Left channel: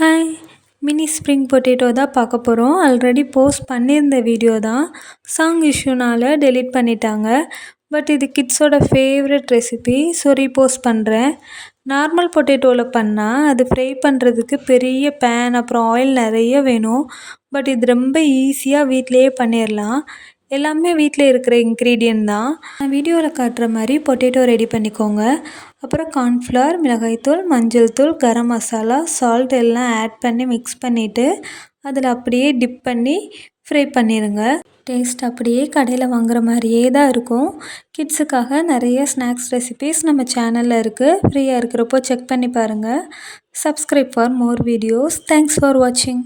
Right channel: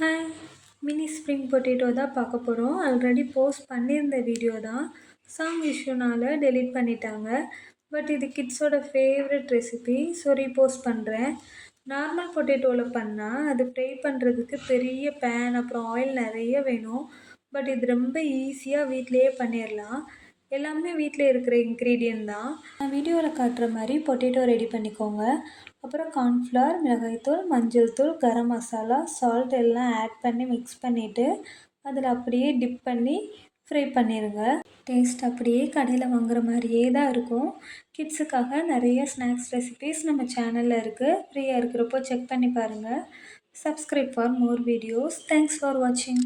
Hi! Mini spring potato தான் பார்க்க போகிறோம். ஆல்ரெடி போஸ்ட் பண்ணியிருந்த வீடியோ தான். சாங் இஷ்யூனால டெலீட் பண்ணிட்டாங்க. பட் இது கிட்ஸோட ஃபேவரட் ரெசிபி. ஸோ ரீபோஸ்ட் பண்ணுறேன். நார்மல் பொட்டேட்டோவில் பண்ணால் அது ஃப்ரை பண்ணுறதுக்கு பெரிய பேன் அப்புறம் ஆயில் நிறைய வேணும். பட் இது ரொம்ப ஈஸியாக வீட்டிலையே பண்ணிடலாம். எல்லாமே வீட்டில் இருக்கிற இன்க்ரீடியன்ட் தான். நான் வீடியோவில் காட்டுற மாதிரி பொட்டேட்டோ ரெடி பண்ணிக்கோங்க. அப்புறம் கார்ன்ஃப்ளவர், மிளகாய்த்தூள், மஞ்சள் தூள், கரம் மசாலா, சால்ட் எல்லாம் ஆட் பண்ணி மிக்ஸ் பண்ணிவிட்டு அதில் அப்படியே டிப் பண்ணி ஃப்ரை பண்ணிடுங்க. டேஸ்ட் அப்படியே கடையில் வாங்குற மாதிரியே தான் இருக்கும். கிட்ஸுக்காக நிறைய ஸ்நாக்ஸ் ரெசிபீஸ் நம்ம சேனலில் இருக்குது. ஃப்ரீயாக இருக்கிறப்போ செக் பண்ணி பாருங்கள். Subscribe for more videos. Thanks for வாட்சிங்.